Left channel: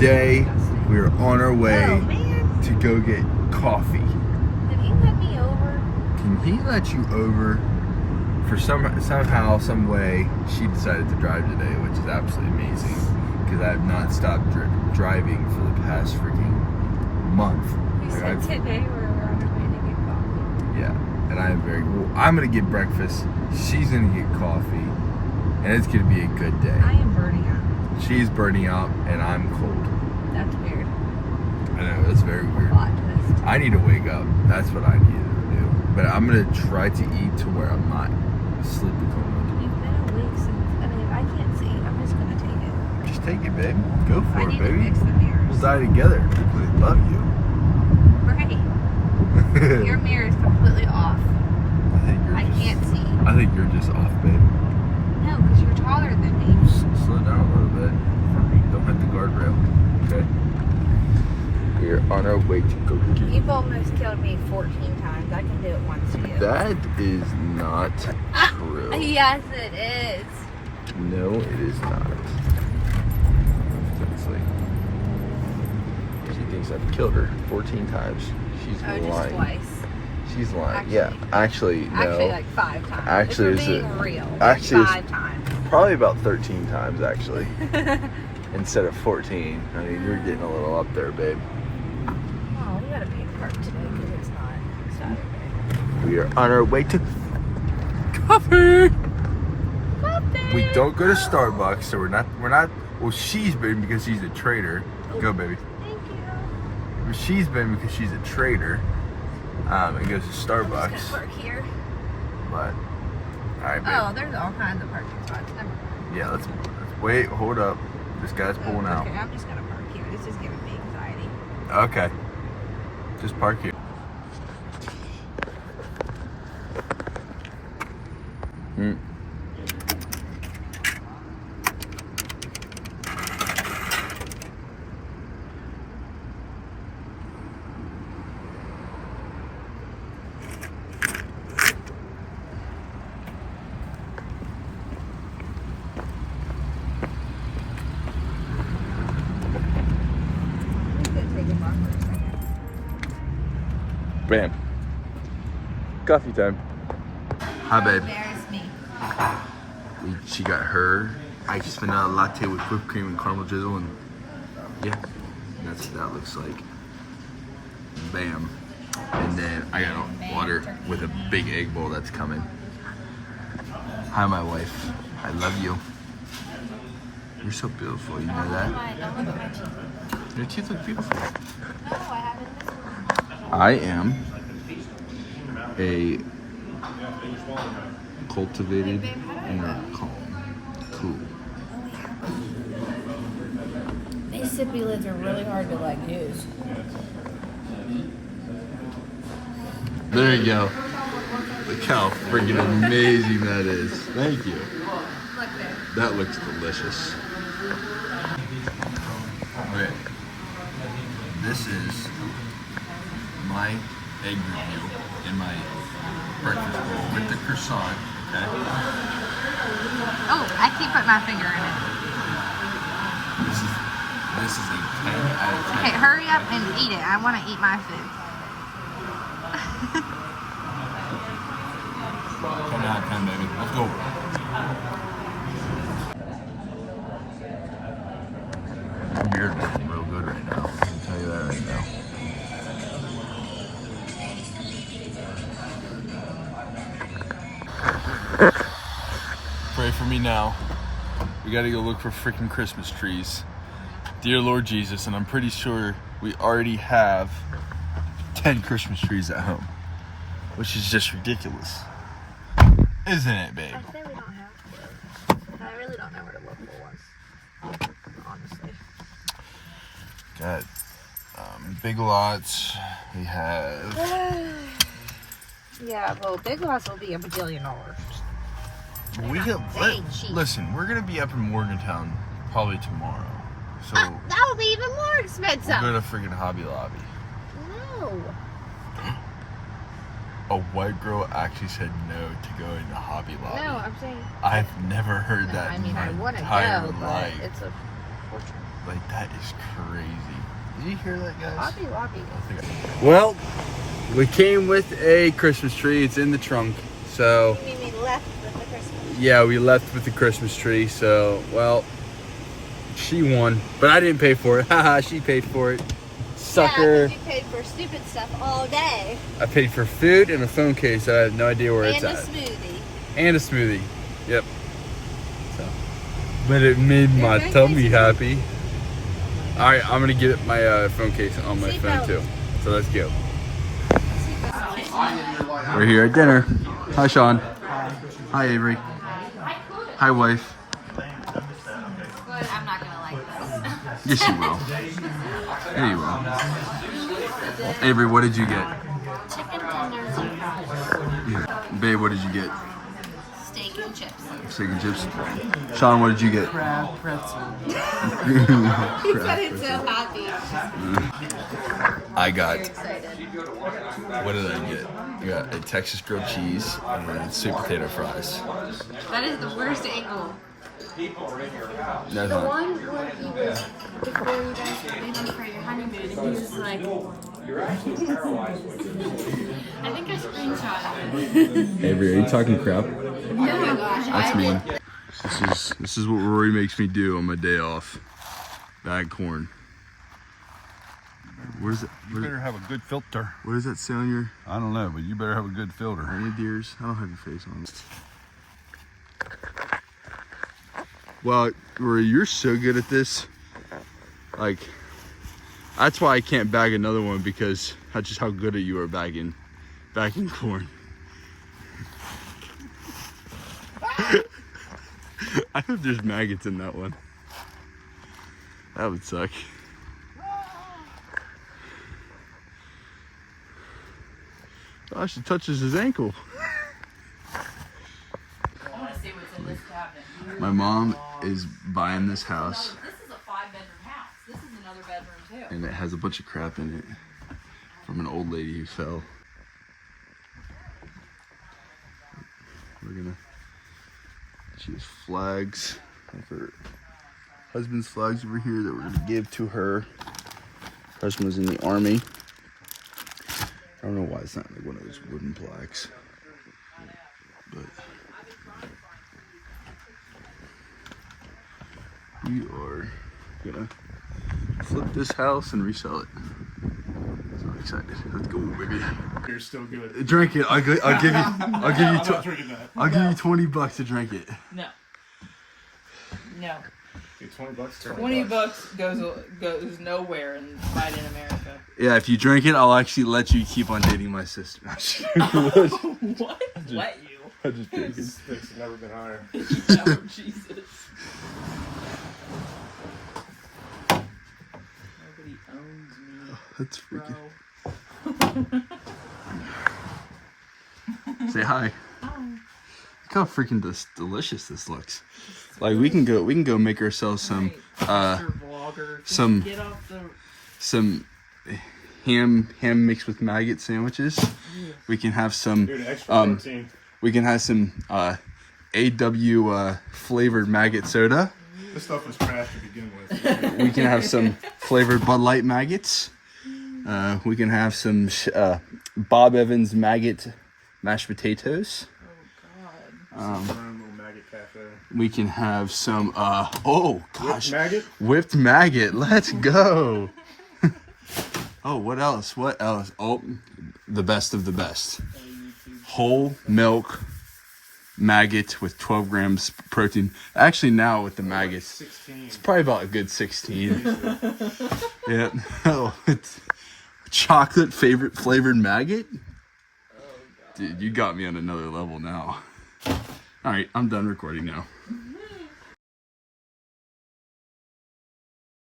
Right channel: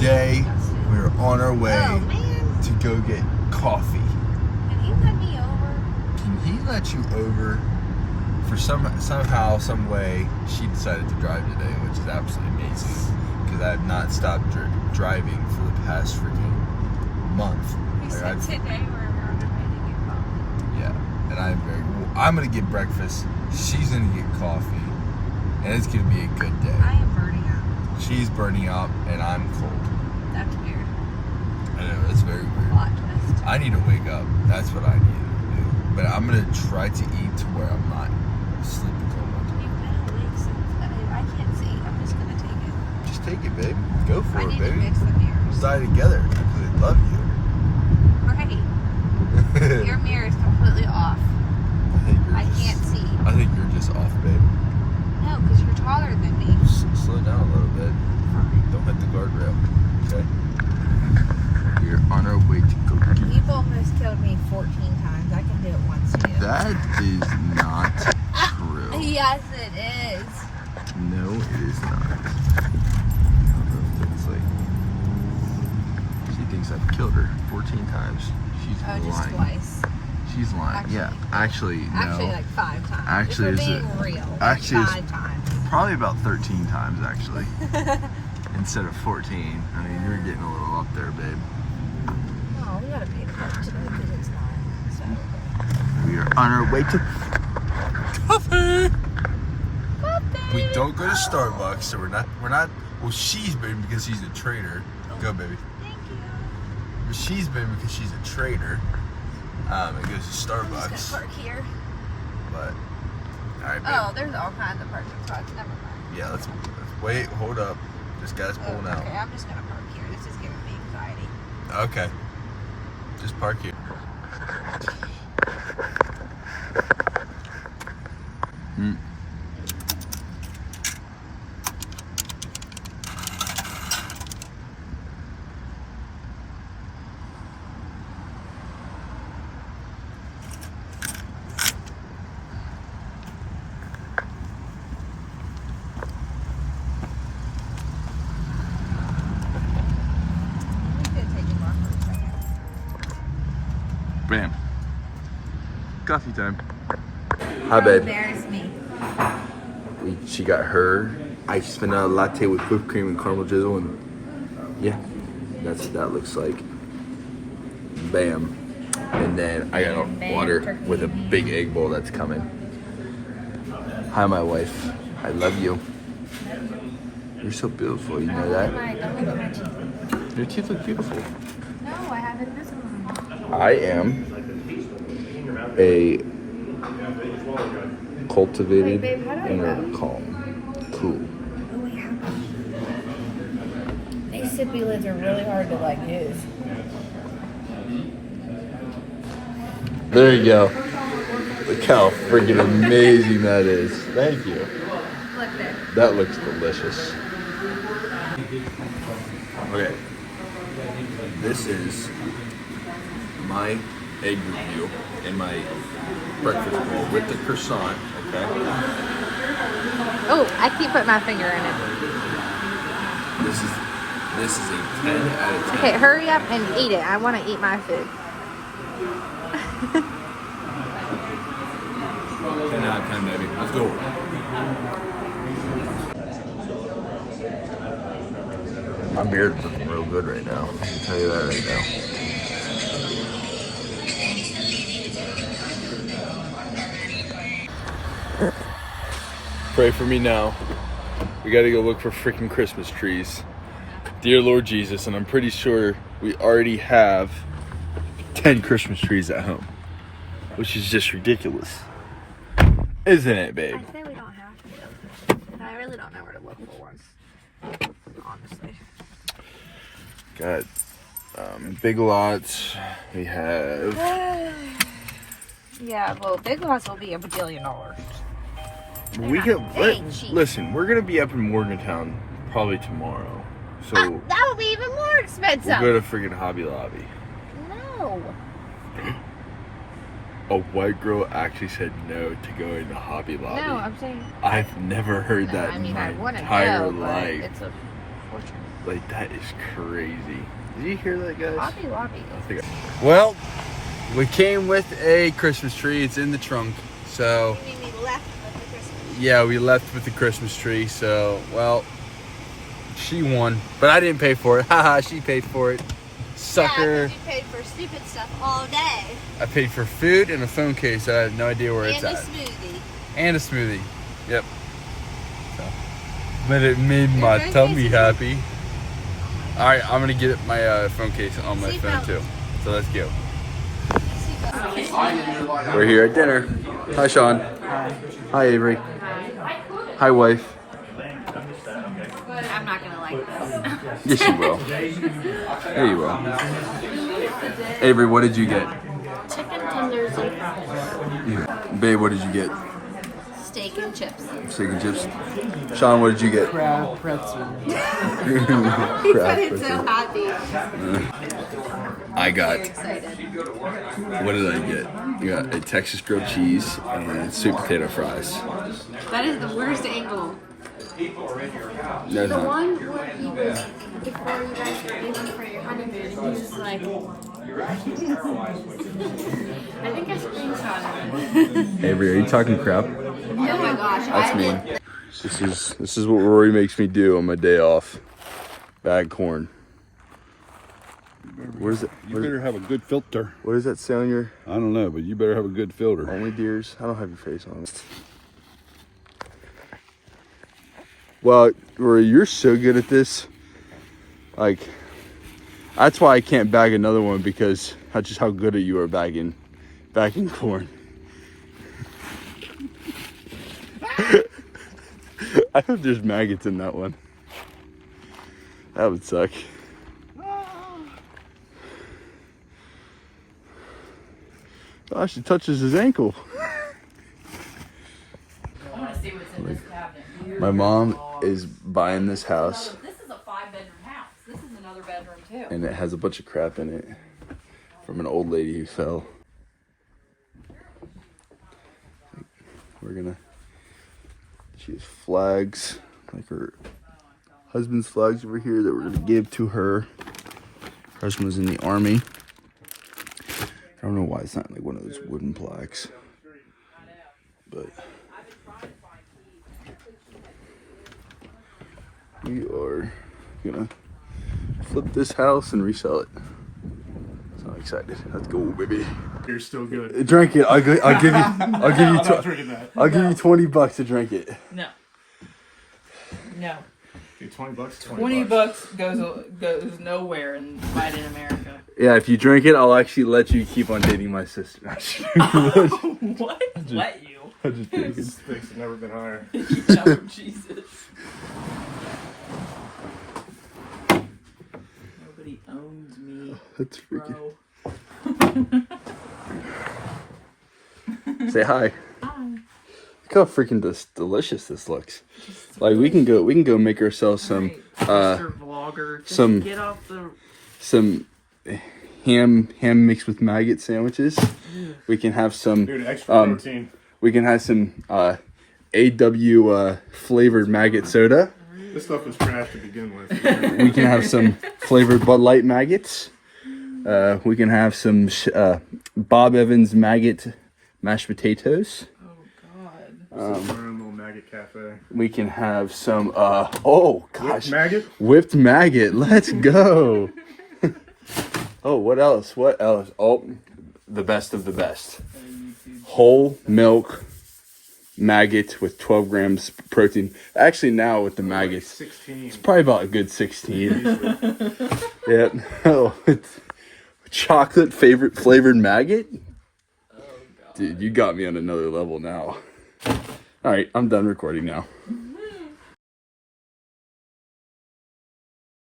today we're on our way to go get coffee. Can he let me over? Can he let you over? For somehow, some way, she decided to drive today, which is absolutely amazing. Because I have not stopped driving for the past freaking month. He said today we're on our way to get coffee. Yeah, and I'm gonna get breakfast. She's gonna get coffee, and it's gonna be a good day. I am burning up. She's burning up, and I'm cold. That's weird. I know, that's very weird. Plot twist. I need to wake up. That's what I need to do. But I'm gonna try to eat to where I'm not sleepy cold. You've been awake since. I mean, I can't see. I'm just gonna take it. Just take it, babe. Go for I it, need baby. to fix the mirrors. We'll die together. People that love you. Right. Your mirror is completely off. I can't see. I think you're just off, babe. No, because you're taller than me. Slow down a little bit. Don't hit the guardrail. Okay. We're on our way to go get. You've almost killed me 14 times. I can do it once too. That is not true. Yes, it is. No, it is not. It's like she thinks I've killed her 14 times. She's Oh, lying. just twice. She's lying. Yeah, actually, no. Actually, like 5 times. Actually, If is you're it? being real, Actually, 5 times. Probably about 13 times, actually. Instead of 14. I mean, you're getting a little up there, babe. Oh, we gotta pay for it too. It's hot. We are on our way to coffee. We don't go to Starbucks, so we're not. Well, she's been because she's a trader. Go, baby. Thank you. She's been because she's a trader. And goes to Starbucks. I'm just gonna park here. But, alright, babe. Oh, there's all kinds of parking spots. Never mind. Yeah, let's wait. Hold up. This guy's pulling out. Okay, I'm just gonna park here. This is giving me anxiety. Okay. Just park here. Bam. Coffee time. Hi, babe. Embarrass me. She got her iced vanilla latte with whipped cream and caramel drizzle, and yeah, that's what that looks like. Bam. And then I got a water with a big egg bowl that's coming. Hi, my wife. I love you. You're so beautiful. You know that? Your teeth look beautiful. No, I haven't this one. I am a cultivated Wait, babe, how do I inner know? calm. Cool. These sippy lids are really hard to like use. There you go. Look how freaking amazing that is. Thank you. Look there. That looks delicious. Okay. This is my egg review and my breakfast bowl with the croissant, okay? Oh, I keep putting my finger in it. This is a 10 out of 10. Okay, hurry up and eat it. I want to eat my food. 10 out of 10, baby. Let's go. My beard's looking real good right now. I can tell you that right now. Pray for me now. We gotta go look for freaking Christmas trees. Dear Lord Jesus, and I'm pretty sure we already have 10 Christmas trees at home, which is just ridiculous. Isn't it, babe? I really don't know where to look for honestly. Got Big Lots. We have. Yeah, well, Big Lots will be $1 billion. Listen, we're gonna be up in Morgantown probably tomorrow, so that will be even more expensive. we'll go to freaking Hobby Lobby. No. A white girl actually said no to go into Hobby Lobby. No, I'm saying. I've never heard that in my entire life. Like, that is crazy. Did you hear that, guys? Lobby, lobby. Well, we came with a Christmas tree. It's in the trunk. So, You mean we left with the Christmas? yeah, we left with the Christmas tree. So, well, she won. But I didn't pay for it. Haha, she paid for it. Sucker. Yeah, you paid for stupid stuff all day. I paid for food and a phone case that I have no idea where it's And a at. smoothie. And a smoothie. Yep. So, but it made my tummy happy. All right, I'm gonna get my phone case on my phone too. So let's go. We're here at dinner. Hi, Sean. Hi, Avery. Hi, wife. I'm not gonna like this. Yes, you will. Yeah, you will. Avery, what did you get? Chicken tenders and fries. Babe, what did you get? Steak and chips. Steak and chips. Sean, what did you get? Crab pretzel. Crab It's pretzel. so happy. I got. Excited. What did I get? I got a Texas grilled cheese and sweet potato fries. That is the worst angle. No, it's not. Before you guys were leaving for your honeymoon, and he was like, I think I screenshotted it. Avery, are you talking crap? Oh my gosh. That's mean. This is what Rory makes me do on my day off. Bag corn. What is it? You better have a good filter. What does that say on your I don't know, but you better have a good filter. only deers? I don't have your face on it. Well, Rory, you're so good at this. Like, that's why I can't bag another one, because that's just how good at you are bagging corn. I hope there's maggots in that one. That would suck. Gosh, it touches his ankle. My mom is buying this house. This is a 5-bedroom house. This is another bedroom too. And it has a bunch of crap in it from an old lady who fell. She has flags, like her husband's flags over here that we're gonna give to her. Husband's in the army. I don't know why it's not like one of those wooden plaques, but we are gonna flip this house and resell it. So I'm excited. Let's go, baby. You're still good. Drink it. I'll give you. I'm not drinking that. I'll give you $20 to drink it. No. No. Okay, $20. 20 bucks goes nowhere in Latin America. Yeah, if you drink it, I'll actually let you keep on dating my sister. What? Let you? Stakes have never been higher. No, Jesus. Nobody owns me. That's freaking. Say hi. Look how freaking delicious this looks. Like we can go make ourselves some Vlogger. some- Get off the... some ham mixed with maggot sandwiches. We can have some Dude, extra protein. we can have some AW flavored maggot soda. This stuff was trash to begin with. We can have some flavored Bud Light maggots. We can have some Bob Evans maggot mashed potatoes. Little maggot cafe. We can have some oh gosh, Maggot? whipped maggot. Let's go. Oh, what else? What else? Oh, the best of the best. Whole milk maggot with 12 grams protein. Actually, now with the maggots, 16. it's probably about a good 16. Yep. Oh, it's chocolate flavored maggot. Dude, you got me on another level now. All right, I'm done recording now.